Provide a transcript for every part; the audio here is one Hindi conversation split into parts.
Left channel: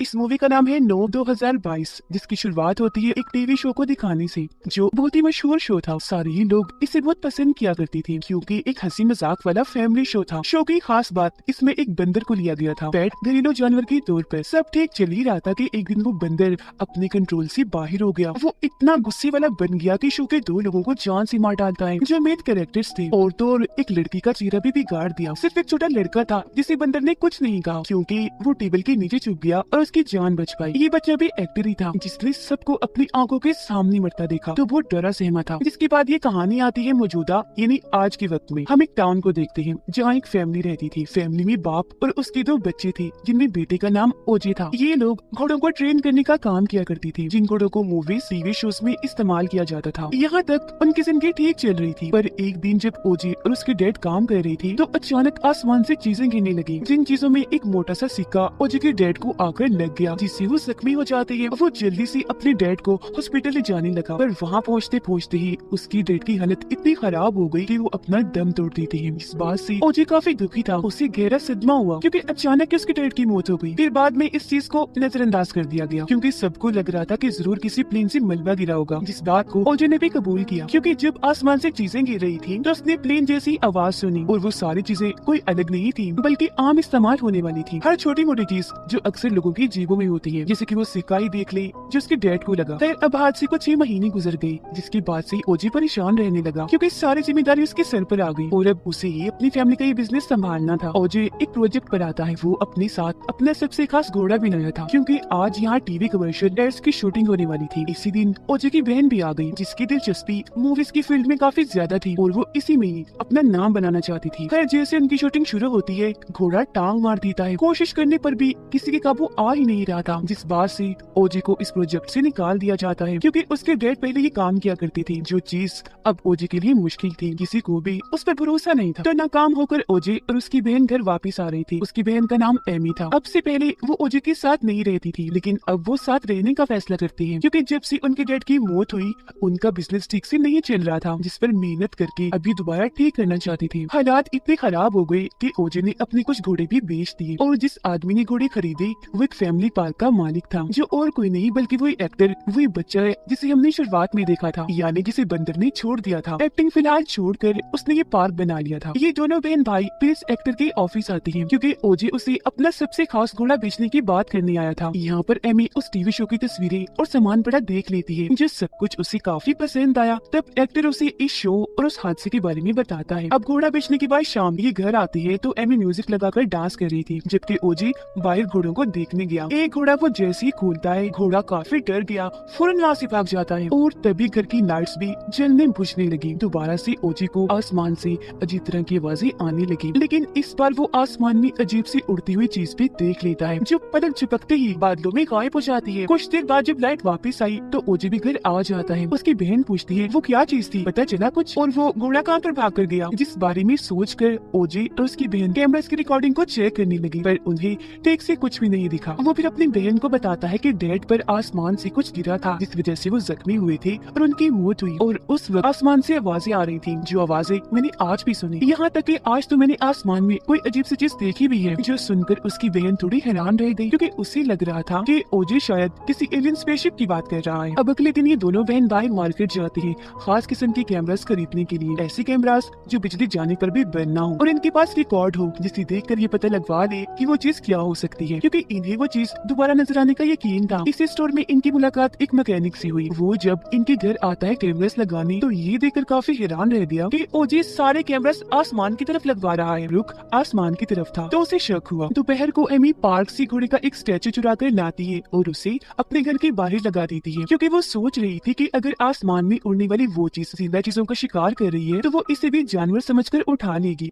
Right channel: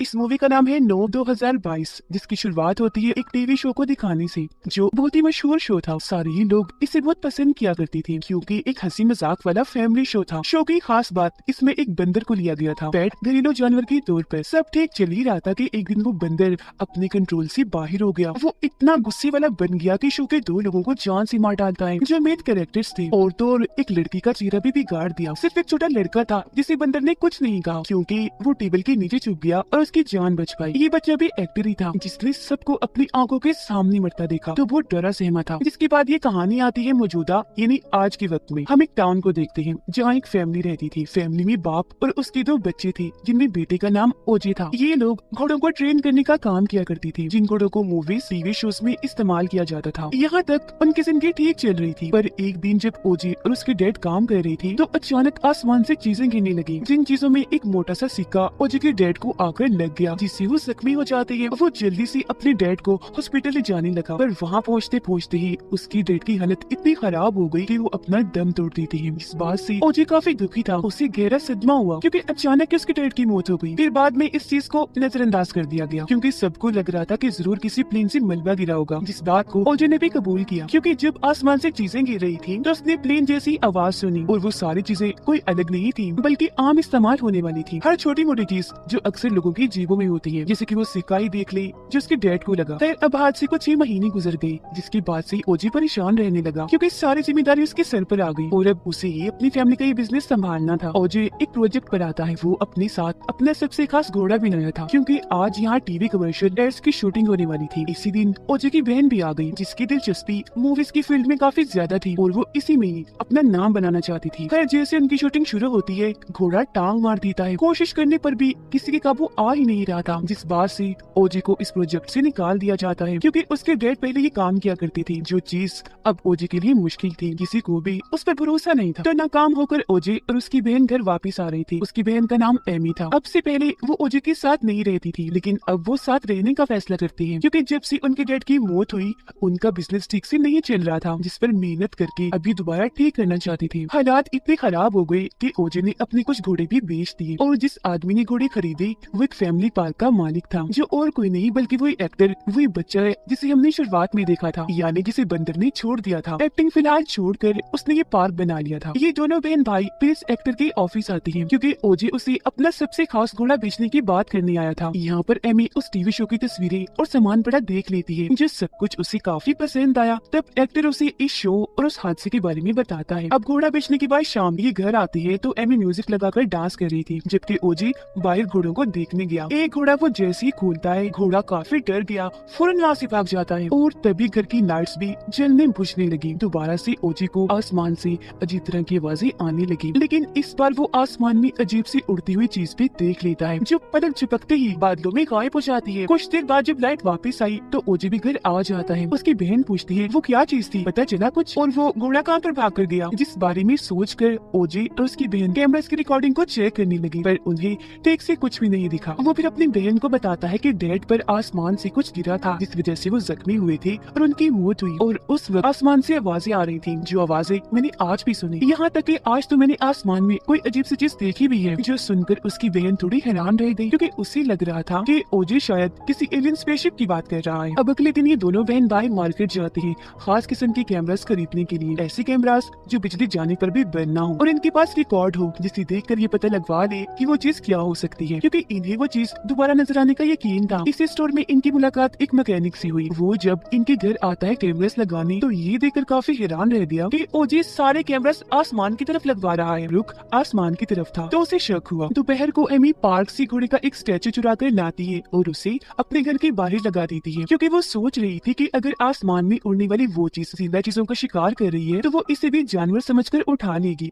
इस मूवी का नाम है नो 2022, जिसकी शुरुआत होती है एक टीवी शो को दिखाने से, जो बहुत ही मशहूर शो था। सारे ही लोग इसे बहुत पसंद किया करती थी क्योंकि एक हंसी मजाक वाला फैमिली शो था। शो की खास बात, इसमें एक बंदर को लिया गया था पेट घरेलू जानवर के तौर पर। सब ठीक चल ही रहा था कि एक दिन वो बंदर अपने कंट्रोल से बाहर हो गया। वो इतना गुस्से वाला बन गया कि शो के दो लोगों को जान से मार डालता है, जो मेन कैरेक्टर्स थे। और तो और एक लड़की का चेहरा भी बिगाड़ दिया। सिर्फ एक छोटा लड़का था जिसे बंदर ने कुछ नहीं कहा क्योंकि वो टेबल के नीचे छुप गया और उसकी जान बच पाई। ये बच्चा भी एक्टर ही था जिसने सबको अपनी आंखों के सामने मरता देखा, तो वो डरा सहमा था। जिसके बाद ये कहानी आती है मौजूदा यानी आज के वक्त में। हम एक टाउन को देखते हैं जहाँ एक फैमिली रहती थी। फैमिली में बाप और उसके दो बच्चे थे जिनमें बेटे का नाम ओजे था। ये लोग घोड़ों को ट्रेन करने का काम किया करती थी, जिन घोड़ों को मूवी टीवी शोज में इस्तेमाल किया जाता था। यहाँ तक उनकी जिंदगी ठीक चल रही थी, पर एक दिन जब ओजे और उसके डैड काम कर रही थी तो अचानक आसमान से चीजें गिरने लगी। जिन चीजों में एक मोटा सा सिक्का ओजे के डैड को आकर लग गया, जिससे वो जख्मी हो जाते हैं। वो जल्दी से अपने डैड को हॉस्पिटल ले जाने लगा, पर वहाँ पहुँचते पहुँचते ही उसकी डैड की हालत इतनी खराब हो गई कि वो अपना दम तोड़ देते हैं। इस बात से ओजे काफी दुखी था। उसे गहरा सदमा हुआ क्योंकि अचानक उसके डैड की मौत हो गई। फिर बाद में इस चीज को नजरअंदाज कर दिया गया क्योंकि सबको लग रहा था कि जरूर किसी प्लेन से मलबा गिरा होगा, जिस बात को ओजे ने भी कबूल किया क्योंकि जब आसमान से चीजें गिर रही थी तो उसने प्लेन जैसी आवाज सुनी और वो सारी चीजें कोई अलग नहीं थी बल्कि आम इस्तेमाल होने वाली थी। हर छोटी मोटी चीज जो अक्सर लोगों की जेबों में होती है, जैसे कि वो सिक्का ही देख ले जो उसके डैड को लगा। खैर अब आज से कुछ 6 महीने गुजर गए, जिसके बाद से ओजे परेशान रहने लगा क्योंकि सारी जिम्मेदारी उसके सर पर आ गई और अब उसे ही अपनी फैमिली का ये बिजनेस संभालना था। ओजे एक प्रोजेक्ट पर आता है। वो अपने साथ अपना सबसे खास घोड़ा भी लाया था क्योंकि आज यहाँ टीवी कमर्शियल एड्स की शूटिंग होने वाली थी। इसी दिन ओजे की बहन भी आ गई जिसकी दिलचस्पी मूवीज की फील्ड में काफी ज्यादा थी और वो इसी में ही अपना नाम बनाना चाहती थी। खैर जैसे उनकी शूटिंग शुरू होती है, घोड़ा टांग मार देता है। कोशिश करने पर भी किसी के काबू आ ही नहीं रहा था, जिस बात से ओजे को इस प्रोजेक्ट से निकाल दिया जाता है क्योंकि उसके डैड पहले ही काम किया करती थी, जो चीज अब ओजे के लिए मुश्किल थी। किसी को भी उस पर भरोसा नहीं था। तो नाकाम होकर ओजे और उसकी बहन घर वापस आ रही थी। उसकी बहन का नाम एमी था। अब से पहले वो ओजे के साथ नहीं रहती थी, लेकिन अब वो साथ रहने का फैसला करती है क्योंकि जब से उनके डैड की मौत हुई उनका बिजनेस ठीक से नहीं चल रहा था, जिस पर मेहनत करके अभी दोबारा ठीक करना चाहती थी। हालात इतने खराब हो गए कि ओजे ने अपने कुछ घोड़े भी बेच दिए और जिस आदमी ने घोड़े खरीदे वो एक फैमिली पार्क का मालिक था, जो और कोई नहीं बल्कि वही एक्टर, वही बच्चा है जिसे हमने शुरुआत में देखा था, यानी जिसे बंदर ने छोड़ दिया था। एक्टिंग फिलहाल छोड़कर उसने ये पार्क बना लिया था। ये दोनों बहन भाई फिर इस एक्टर के ऑफिस आती हैं क्योंकि ओजे उसे अपना सबसे खास घोड़ा बेचने की बात करने आया था। यहाँ पर एमी उस टीवी शो की तस्वीरें और सामान पड़ा देख लेती है, जो सब कुछ उसे काफी पसंद आया। तब एक्टर उसे इस शो और उस हादसे के बारे में बताता है। अब घोड़ा बेचने के बाद शाम ये घर आती है तो एमी म्यूजिक लगाकर डांस कर रही थी, जबकि ओजे बाहर घोड़ों को देखने गया। एक घोड़ा वो जैसे ही खोलता है, घोड़ा काफी डर गया, फौरन वहाँ से भाग जाता है और तभी घर की लाइट्स भी जलने बुझने लगी। दोबारा से ओजे को आसमान से अजीब तरह की आवाजें आने लगी, लेकिन इस बार वो आसमान में अजीब सी उड़ती हुई चीज भी देख लेता है, जो पलक झपकते ही बादलों में गायब हो जाती है। कुछ देर बाद जब लाइट वापस आई तो ओजे भी घर आ जाता है। उसकी बहन पूछती है वो क्या चीज थी, पता चला कुछ, और वो घोड़ा कहाँ पर भाग कर गया। जिस बारे में सोच कर ओजे और उसकी बहन कैमरा की रिकॉर्डिंग को चेक करने लगी, पर उन्हें ठीक से कुछ भी नहीं दिखा। वो फिर अपनी बहन को बताता है कि डैड पर आसमान से कुछ गिरा था, जिस वजह से वो जख्मी हुए थे और उनकी मौत हुई। और उस वक्त आसमान से आवाजें आ रही थी, जो आवाजें मैंने आज भी सुनी। यहाँ तक कि आज तो मैंने आसमान में कोई अजीब सी चीज देखी भी है। जो सुनकर उसकी बहन थोड़ी हैरान रह गई क्योंकि उसे लग रहा था कि ओजे शायद किसी एलियन स्पेसशिप की बात कर रहा है। अब अगले दिन ये दोनों बहन भाई मार्केट जाते हैं खास किस्म के कैमरास खरीदने के लिए, ऐसे कैमरास जो बिजली जाने पर भी बंद ना हो और इनके पास रिकॉर्ड हो, जिसे देखकर ये पता लगवा ले कि वो चीज क्या हो सकती है, क्योंकि इन्हें वो चीज दोबारा नजर आने का यकीन था। इस स्टोर में इनकी मुलाकात एक मैकेनिक से हुई। वो जब इनके घर आता है कैमरास लगाने तो ये देखकर काफी हैरान रह गया कि ओजे सारे कैमरास आसमान की तरफ लगवा रहा है। रुख आसमान की तरफ था तो उसे शक हुआ। दोपहर को एमी पार्क से घोड़े का एक स्टैचू चुरा कर लाती है और उसे अपने घर के बाहर लगा देती है, क्योंकि वो सोच रही थी कि अगर आसमान में उड़ने वाली वो चीज जिंदा चीजों का शिकार कर रही है तो वो इसे भी जानवर समझकर उठा लेगी।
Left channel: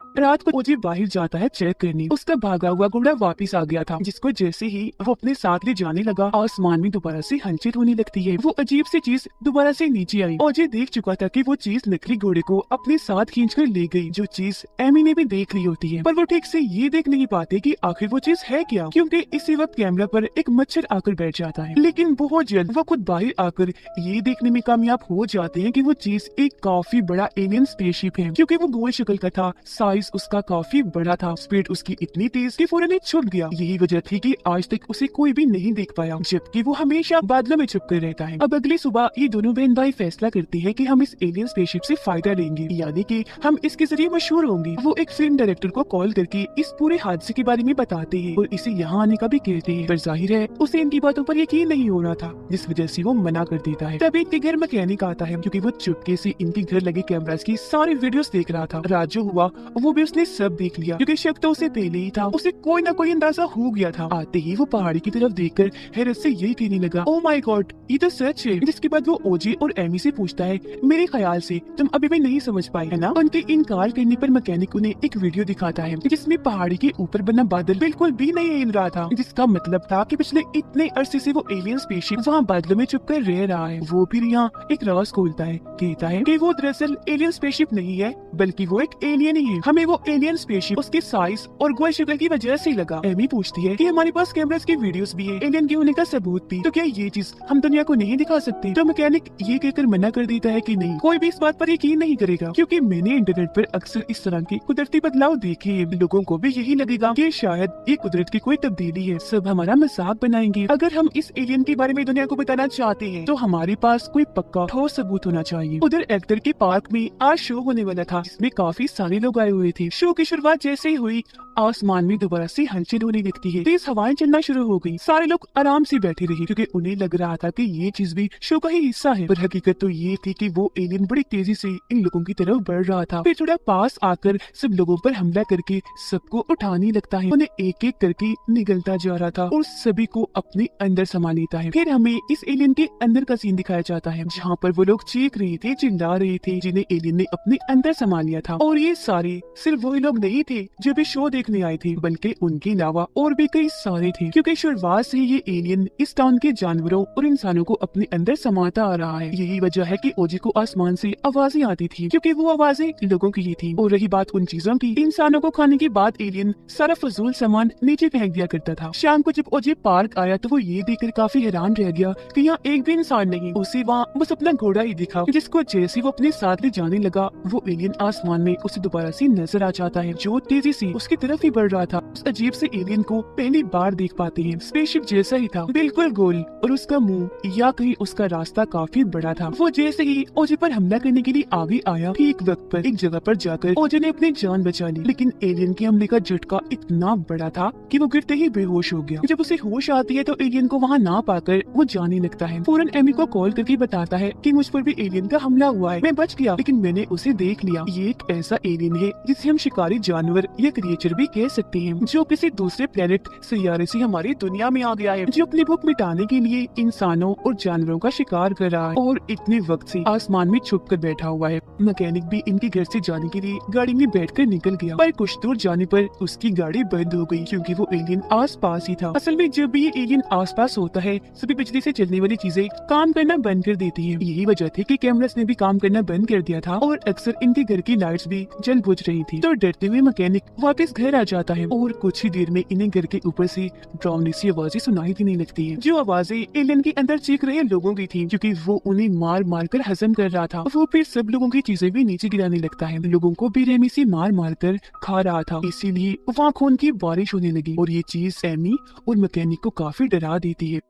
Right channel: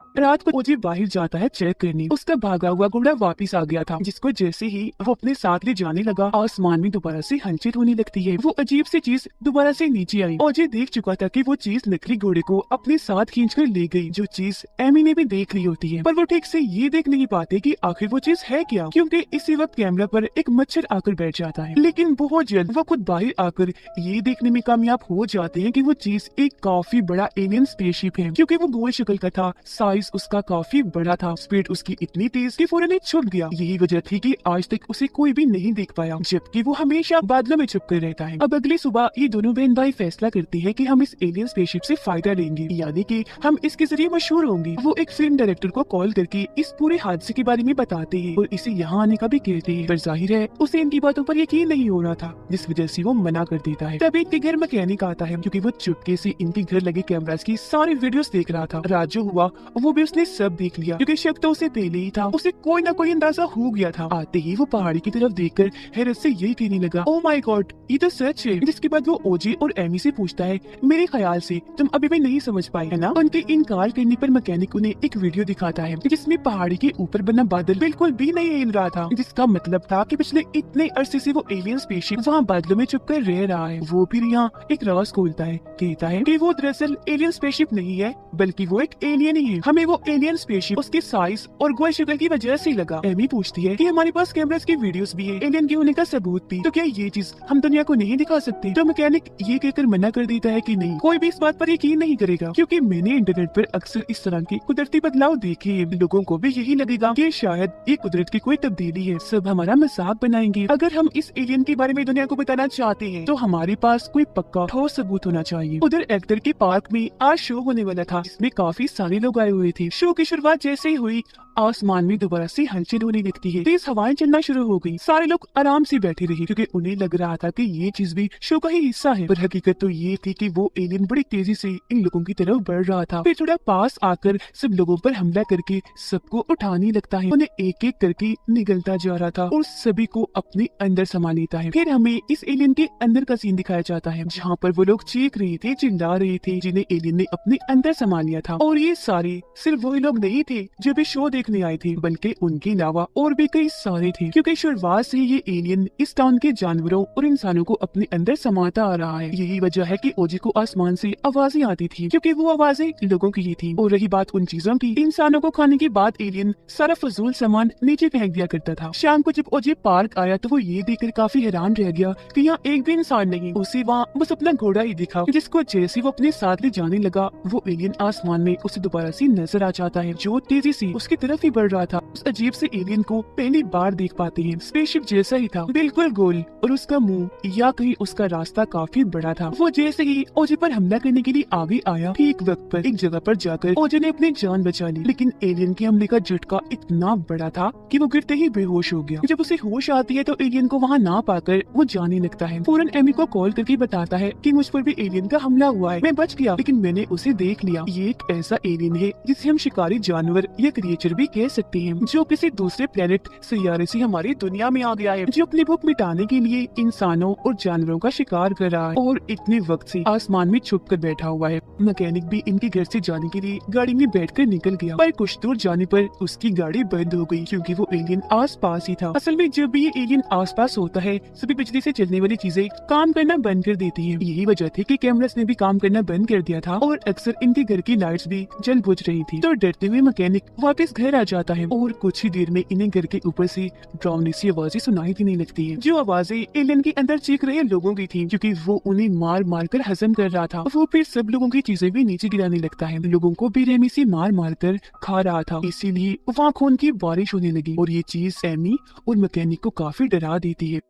रात को ओजे बाहर जाता है चेक करने। उसका भागा हुआ घोड़ा वापस आ गया था, जिसको जैसे ही वो अपने साथ ले जाने लगा आसमान में दोबारा से हलचल होने लगती है। वो अजीब सी चीज दोबारा से नीचे आई। ओजे देख चुका था कि वो चीज नकली घोड़े को अपने साथ खींचकर ले गई, जो चीज एमी ने भी देख ली होती है, पर वो ठीक से ये देख नहीं पाते कि आखिर वो चीज है क्या, क्योंकि इसी वक्त कैमरा पर एक मच्छर आकर बैठ जाता है। लेकिन बहुत जल्द वो खुद बाहर आकर ये देखने में कामयाब हो जाते हैं कि वो चीज एक काफी बड़ा एलियन स्पेसशिप है, क्योंकि वो गोल शक्ल का था, साइज साइज उसका काफी बड़ा था। स्पीड उसकी इतनी तेज कि फौरन छुप गया। यही वजह थी कि आज तक उसे कोई भी नहीं देख पाया, जबकि वो हमेशा बादलों में छुप कर रहता है। अब अगली सुबह ये दोनों बहन भाई फैसला करती है कि हम इस एलियन स्पेसशिप से फायदा लेंगे, यानी कि हम इसके जरिए मशहूर होंगे। वो एक फिल्म डायरेक्टर को कॉल करके इस पूरे हादसे के बारे में बताते हैं और इसे यहाँ आने का भी कहते हैं, पर जाहिर है उसे इनकी बातों पर यकीन नहीं हो रहा था, जिस वजह से वो मना कर देता है। तभी इनके घर मैकेनिक आता है, क्योंकि वो चुपके से इनके घर लगे कैमरास की सारी वीडियोस देख रहा था। रात जो हुआ वो भी उसने सब देख लिया, क्योंकि शक तो उसे पहले ही था। उसे कोई ना कोई अंदाजा हो गया था। आते ही वो पहाड़ी की तरफ देखकर हैरत से यही कहने लगा, ओह माय गॉड, ये तो सच है। जिसके बाद वो ओजी और एमी से पूछता है, मेरे ख्याल से तुम अभी भी नहीं समझ पाए है ना। उनके इनकार करने पर मैकेनिक उन्हें एक वीडियो दिखाता है जिसमें पहाड़ी के ऊपर बना बादल बिल्कुल भी नहीं हिल रहा था, जिसका मतलब था कि पिछले इतने अरसे से वो एलियन स्पेसशिप वहाँ बादलों में छुप कर रह रहा है। वो फिर यहाँ एक राज खोलता है, कहता है कि वो दरअसल एलियन स्पेसशिप नहीं है, बल्कि वो एक एलियन ही है। हमें वो एलियन स्पेसशिप उसके साइज और गोल शक्ल की वजह से लगा। एमी पूछती है कि हमारे पास कैमरास की वीडियोस भी है, एलियन के होने का सबूत भी, तो क्या ये चीज हम दुनिया को नहीं दिखा सकते? तो मैकेनिक ये कहकर मना कर देता है कि नहीं, कोई भी इस बात पर यकीन नहीं करेगा, क्योंकि मैंने इंटरनेट पर अक्सर इस तरह के कुदरती बदलाव देखे हैं। लोगों को भी यही लगेगा कि शायद ये कुदरत की कोई तब्दीली है, सब हमारा मजाक बनाएंगे। अगर हम इस एलियन के बारे में दुनिया को बताना चाहते हैं तो हमारे पास कोई पक्का ठोस सबूत होना चाहिए। उधर एक्टर के पार्क में आज शो होने वाला था, जिसमें काफी सारे लोग आए हुए थे। शो की शुरुआत जैसे ही हुई, आसमान में दोबारा से हलचल होने लगती है, तेज हवाएं चलना शुरू हो गई। सारे लोग आराम से बैठे रहे, क्योंकि उन्हें लग रहा था कि ये चीज भी शो का ही हिस्सा है। पर हकीकत तो ये थी कि वो एलियन बड़ी तेजी से इन लोगों की तरफ बढ़ रहा था। फिर थोड़ा पास आकर सब लोगों पर हमला करके सबको उठाने लगता है। उन्हें एक एक करके निगलता जा रहा था और सभी को अपने अंदर समा लेता है। फिर हमें इस एलियन के अंदर का सीन दिखाया जाता है, जहाँ पर वो लोग चीख रहे थे, चिल्ला रहे थे, जिन्हें एलियन ने अपने अंदर समा लिया था। और ये सारे सिर्फ वही लोग नहीं थे जो भी शो देखने आए थे, बल्कि उनके अलावा और भी कई सारे थे, क्योंकि शुरुआत से ये एलियन इस टाउन के जानवरों और इंसानों को अपने अंदर समाता आ रहा है। यही वजह है कि ओजी को आसमान से आवाजें आती थी, क्योंकि वो आवाजें लोगों की ही थी। और रही बात उन चीजों की, इंसानों को खाने के बाद एलियन सारा फजूल सामान नीचे फेंक दिया करता था। शाम को जब ओजी पार्क आया तो वो ये देखकर काफी हैरान रह गया कि यहाँ एक भी इंसान नहीं, उसे वहाँ बस अपना घोड़ा ही दिखा, जिसको जैसे वो अपने साथ ले जाने लगा, वो एलियन आसमान में उसे दोबारा से नजर आ जाता है, जो तेजी से उसकी तरफ ही बढ़ रहा था। उस अजीब से एलियन को पहली बार देख पाते हैं। स्पेसशिप जैसा ही था, बिल्कुल गोल, और उसका मुंह या कहीं उसका रास्ता काफी बड़ा था। वो जैसे ही ओजे पर हमला करने के लिए आगे आया, ठीक वक्त पर एक जगह पर जाकर ओजे ने अपनी जान बचा ली, लेकिन एलियन के हमले का झटका इतना बड़ा था कि वो गिरते ही बेहोश हो गया। जब उसे होश आती है तो एलियन को वहाँ ना पाकर वो जाने लगता है। फौरन एमी को कॉल करके बताता है कि मुझ पर भी एलियन का हमला हुआ है, मैं बच गया, लेकिन मैंने उसे देख लिया। ये एक ऐसा एलियन है जिसे हम शिकारी जानवर या क्रिएचर भी कह सकते हैं, जो किसी दूसरे प्लेनेट सैयारे से हमारी दुनिया में आ गया है, जो अपनी भूख मिटाने के लिए इंसानों और जानवरों का शिकार कर रहा है और इतने वक्त से आसमान में छुप कर बैठा हुआ है। मैकेनिक भी इनके घर से जाने के लिए गाड़ी में बैठकर निकल गया, पर कुछ दूर जाने पर उसकी गाड़ी बंद हो गई, क्योंकि वो एलियन आस पास ही था। असल में जब भी ये एलियन आस पास होता है, सभी बिजली से चलने वाली चीजें काम करना बंद कर देती है। यही वजह थी कि कैमरास ने भी काम करना बंद कर दिया था और अक्सर इनके घर की लाइट्स भी जल बुझ रही थी। तो डरते हुए मैकेनिक वापस घर आ जाता है और कुछ ही देर में इन्हें घर के ऊपर से डरावनी सी आवाजें सुनाई देने लगती है, जो आवाजें एलियन के अंदर चीख रहे लोगों की थी, क्योंकि वो उन्हें मार मार कर हजम कर रहा था। वो फिर सब लोगों की चीजें भी नीचे गिराने लगता है, लोगों को बेरहमी से मार मार कर खा रहा था। इसीलिए वहाँ खून की बारिश होने लगी और ये चीज एमी और मैकेनिक को काफी डरा देती है।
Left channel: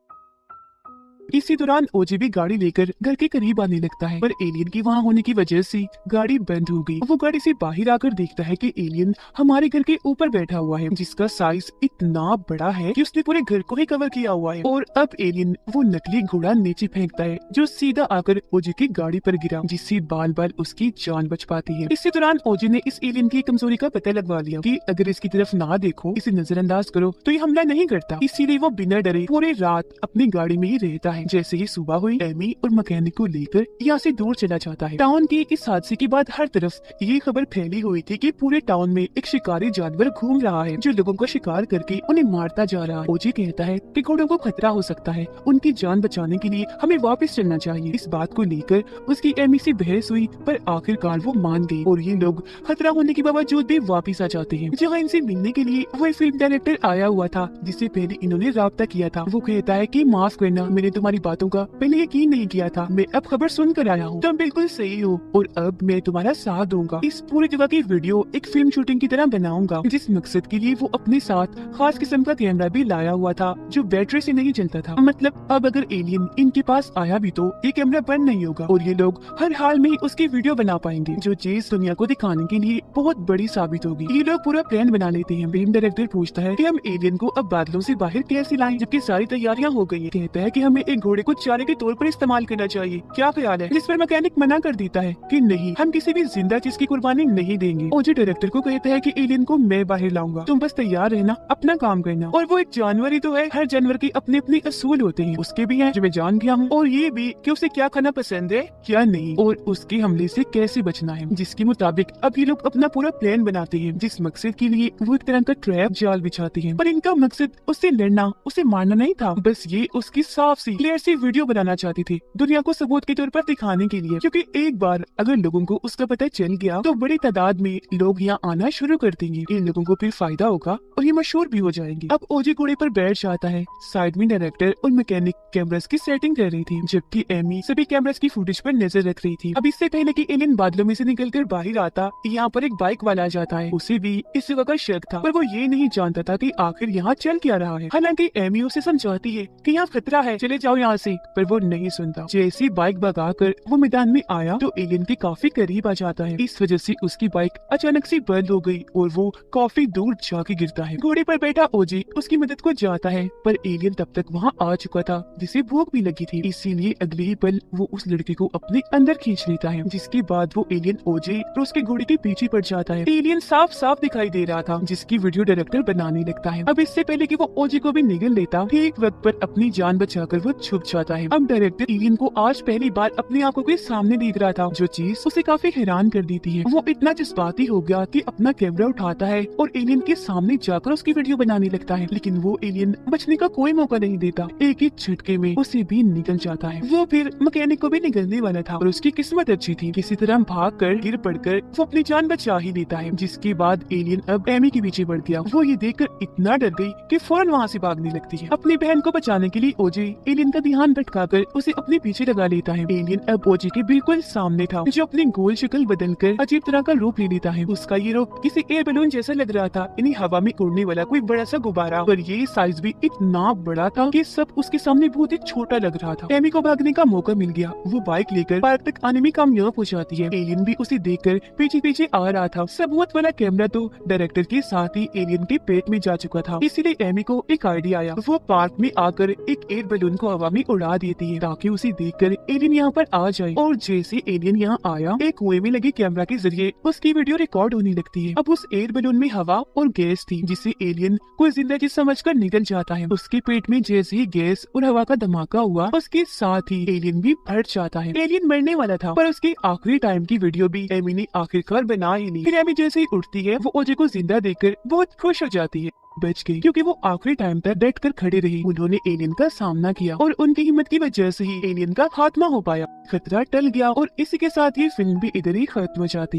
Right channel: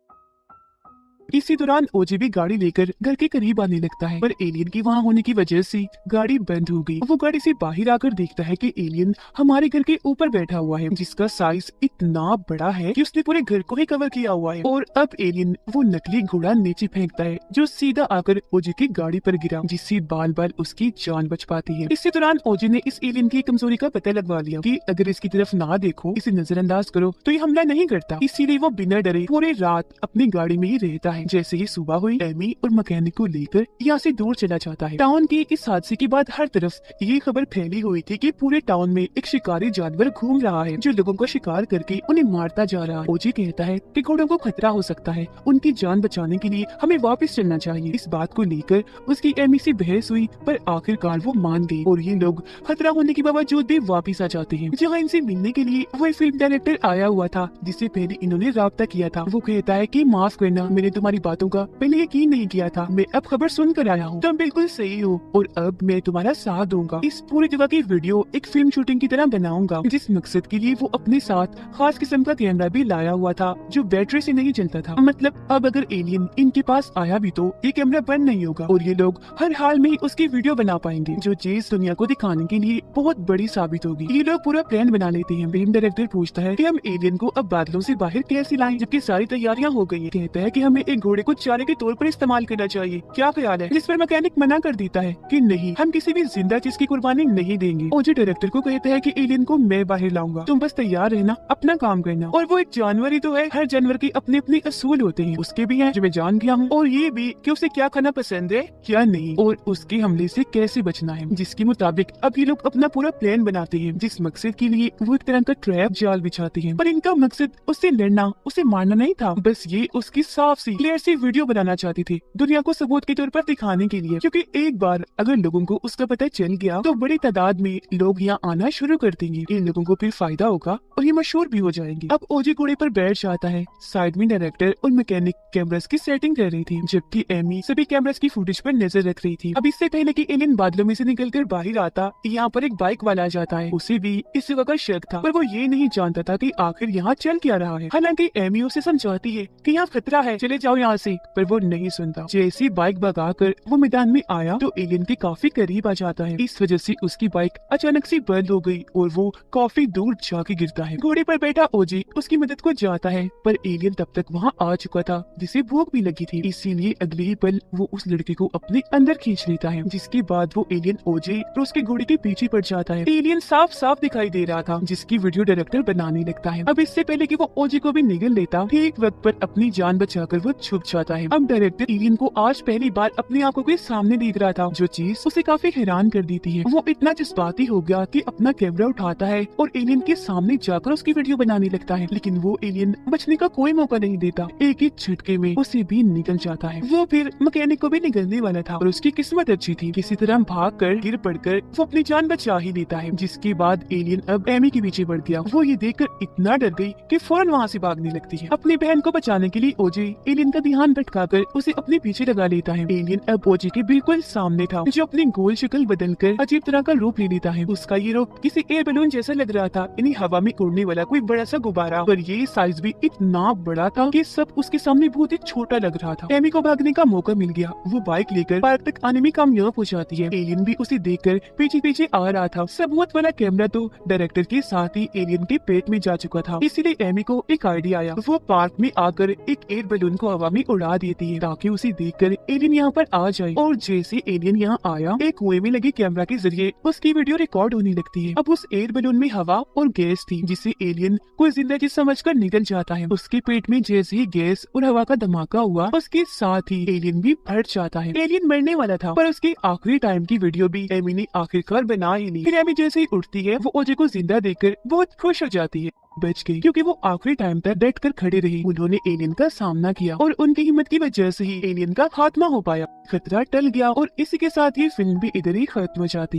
इसी दौरान ओजे भी गाड़ी लेकर घर के करीब आने लगता है, पर एलियन की वहाँ होने की वजह से गाड़ी बंद हो गई। वो गाड़ी से बाहर आकर देखता है कि एलियन हमारे घर के ऊपर बैठा हुआ है, जिसका साइज इतना बड़ा है कि उसने पूरे घर को ही कवर किया हुआ है। और अब एलियन वो नकली घोड़ा नीचे फेंकता है, जो सीधा आकर ओजे की गाड़ी पर गिरा, जिससे बाल बाल उसकी जान बच पाती है। इसी दौरान ओजे ने इस एलियन की कमजोरी का पता लगवा लिया कि अगर इसकी तरफ ना देखो, इसे नजरअंदाज करो, तो ये हमला नहीं करता। इसीलिए वो बिना डरे पूरी रात अपनी गाड़ी में ही रहता है। जैसे ही सुबह हुई, एमी और मैकेनिक को लेकर यहाँ से दूर चला जाता है। टाउन के इस हादसे के बाद हर तरफ ये खबर फैली हुई थी कि पूरे टाउन में एक शिकारी जानवर घूम रहा है, जो लोगों को शिकार करके उन्हें मारता जा रहा है। ओजी कहता है कि घोड़ों को खतरा हो सकता है, उनकी जान बचाने के लिए हमें वापस चलना चाहिए। इस बात को लेकर उसकी एमी से बहस हुई, पर आखिरकार वो मान गई और ये लोग खतरा होने के बावजूद भी वापस आ जाते हैं। जहाँ इनसे मिलने के लिए वो फिल्म डायरेक्टर आया हुआ था, जिससे पहले इन्होंने राब्ता किया था। वो कहता है कि माफ करना, मैंने तुम्हारी हमारी बातों का पहले यकीन नहीं किया था, मैं अब खबर सुनकर आया हूँ। तुम बिल्कुल सही हो और अब मैं तुम्हारा साथ दूंगा। इस पूरी जगह की वीडियो एक फिल्म शूटिंग की तरह बनाऊंगा, जिस मकसद के लिए वो अपने साथ खास किस्म का कैमरा भी लाया हुआ था जो बैटरी से नहीं चलता था। मतलब अब अगर एलियन इनके पास आया भी तो ये कैमरा बंद नहीं होगा और ये लोग हर हाल में उसकी वीडियो बना पाएंगे, जो चीज दुनिया को दिखाने के लिए बहुत बड़ी साबित होगी। ये लोग पूरा प्लान बना लेते हैं। फिल्म डायरेक्टर पूछता है कि हम एलियन को अब बादलों से बाहर कैसे लाएं, जबकि सारी तैयारियां हो गई हैं। कहता है कि हमें एक घोड़े को चारे के तौर पर इस्तेमाल करना चाहिए, क्या ख्याल है? जिस पर मैकेनिक मना कर देता है कि नहीं, हम किसी भी जिंदा चीज की कुर्बानी नहीं देंगे। ओजे डायरेक्टर को कहता है कि एलियन को मैं बाहर लाऊंगा, तुम बस तैयार रहना, अपना काम करना। और वो एक जानवर ही तो है, हर जानवर के अपने अपने असूल होते हैं। उसके भी हैं जो मैं जान गया हूँ, और ये भी कि उसे क्या खाना पसंद है क्या नहीं, और उसके हमले से कैसे बचना है, जिसके मुताबिक अब ये लोग अपना पूरा प्लान बनाते हैं, जिस मकसद के लिए वो एक तरह का ट्रैप जाल बिछाते हैं। पर इनका मकसद उससे लड़ना, उसे मारना नहीं था, बस ये उसकी साफ सी क्लियर सी वीडियो बनाना चाहते थे, दुनिया को सबूत के तौर पर दिखाने के लिए। क्योंकि एक बार अगर लोगों को उसका पता चल गया तो बड़ी तादाद में लोग यहाँ आना शुरू कर देंगे। इन लोगों को फिर फायदा होगा और ये मशहूर भी हो जाएंगे। अब ओजे घोड़े पर बैठ जाता है, साइड में डायरेक्टर और मैकेनिक कैमरास की सेटिंग कर रही थी, जबकि एमी सभी कैमरास की फुटेज पर नजर रख रही थी। अब इससे पहले कि एलियन बादलों में से निकलकर बाहर आता, यहाँ पर एक बाइक वाला आ जाता है। उसे भी इस जगह का शक था, पर वो ये नहीं जानता था कि आखिर यहाँ चल क्या रहा है। हालांकि एमी उसे समझाती है कि यहाँ खतरा है, चले जाओ यहाँ से, पर वो नहीं सुनता। जैसी बाइक भगाकर वो मैदान में आया तो एलियन के काफी करीब आ जाता है। इस वजह से उसकी बाइक अचानक से बंद हो गई और वो काफी दूर जाके गिरता है। घोड़े पर बैठा ओजे उसकी मदद को जाता है, पर एलियन तब तक वहाँ आ चुका था, जिसे भूख भी लगी थी। इसीलिए अगले ही पल वो उस लड़के को अपने अंदर खींच लेता है, जिसके बाद वो एलियन ओजे और उसके घोड़े के पीछे पड़ जाता है। एलियन साफ साफ दिखाई दे रहा था, जिसकी वीडियो डायरेक्टर बनाने लगता है। अब इससे पहले कि वो ओजे को भी निगल लेता, ठीक वक्त पर अपनी जान बचाकर वो छुप जाता है। अब डायरेक्टर एलियन को आज पहली बार अपनी आंखों के सामने देख रहा था, जो चीज उसे काफी हैरान कर देती है। वो इतना जज्बाती हो गया कि अपना कैमरा उठाता है और एलियन के सामने जाकर उसकी वीडियो बनाने लगता है, लेकिन वो एलियन बचने का कोई मौका नहीं देता। एक ही झटके में उसे भी निकल जाता है। वो फिर मैकेनिक को भी निकलने वाला था, और उसकी किस्मत अच्छी थी, किसी तरह भाग कर गिर पड़कर वो अपनी जान बचा ही लेता है। जिसके बाद एलियन अब एमी के पीछे बढ़ गया। वो ये देखकर इतना डर गई कि फौरन वहाँ से भागने लगती है। अपनी बहन को बचाने के लिए ओजे एलियन का ध्यान भटकाकर उसे अपने पीछे लगा लेता है। एलियन अब ओजे के बिल्कुल सामने था, जो अपनी गोल शक्ल बदलकर अजीब तरह का रूप ले लेता है। उसका ये रूप किसी एयर बैलून जैसा लग रहा था, यानी हवा में उड़ने वाला कोई बड़ा सा गुब्बारा, पर ये साइज भी इतना बड़ा था कि सब उसके सामने बहुत ही छोटा लग रहा था। एमी को भागने का मौका मिल गया। वो बाइक लेकर पार्क तक आने में कामयाब हो जाती है। एलियन भी उसे देखकर पीछे पीछे आ रहा था। सबूत वाला कैमरा तो डायरेक्टर के साथ ही एलियन के पेट में जा चुका था, इसीलिए एमी को एक आइडिया आया। वो पार्क में आकर एक एयर बैलून को हवा में उड़ा देती है, ताकि उसे देखकर एलियन यहाँ पर आ जाए। और जैसे एलियन यहाँ आया, एक कुएं में लगे कैमरा के जरिए उसकी वीडियो रिकॉर्ड होने लगती है। अब उस एयर बैलून में हवा और गैस थी, जिससे एलियन कोई जिंदा चीज समझकर निकल जाता है। उसके पेट में जैसे ही गैस और हवा का धमाका हुआ, उसके साथ ही एलियन भी फट जाता है। एलियन मरने वाला था, पर उसकी आखिरी टाइम की वीडियो भी एमी ने आखिरकार बना ही ली। फिर एमी जैसे ही उठती है, वो ओजे को जिंदा देखकर बहुत खुश हो जाती है। बच गई, क्योंकि वो आखिरी टाइम तक डट कर खड़े रही। उन्होंने एलियन का सामना किया और उनकी हिम्मत की वजह से ही एलियन का खात्मा हो पाया। खतरा टल गया और इसी के साथ ये फिल्म भी इधर ही खत्म हो जाती है।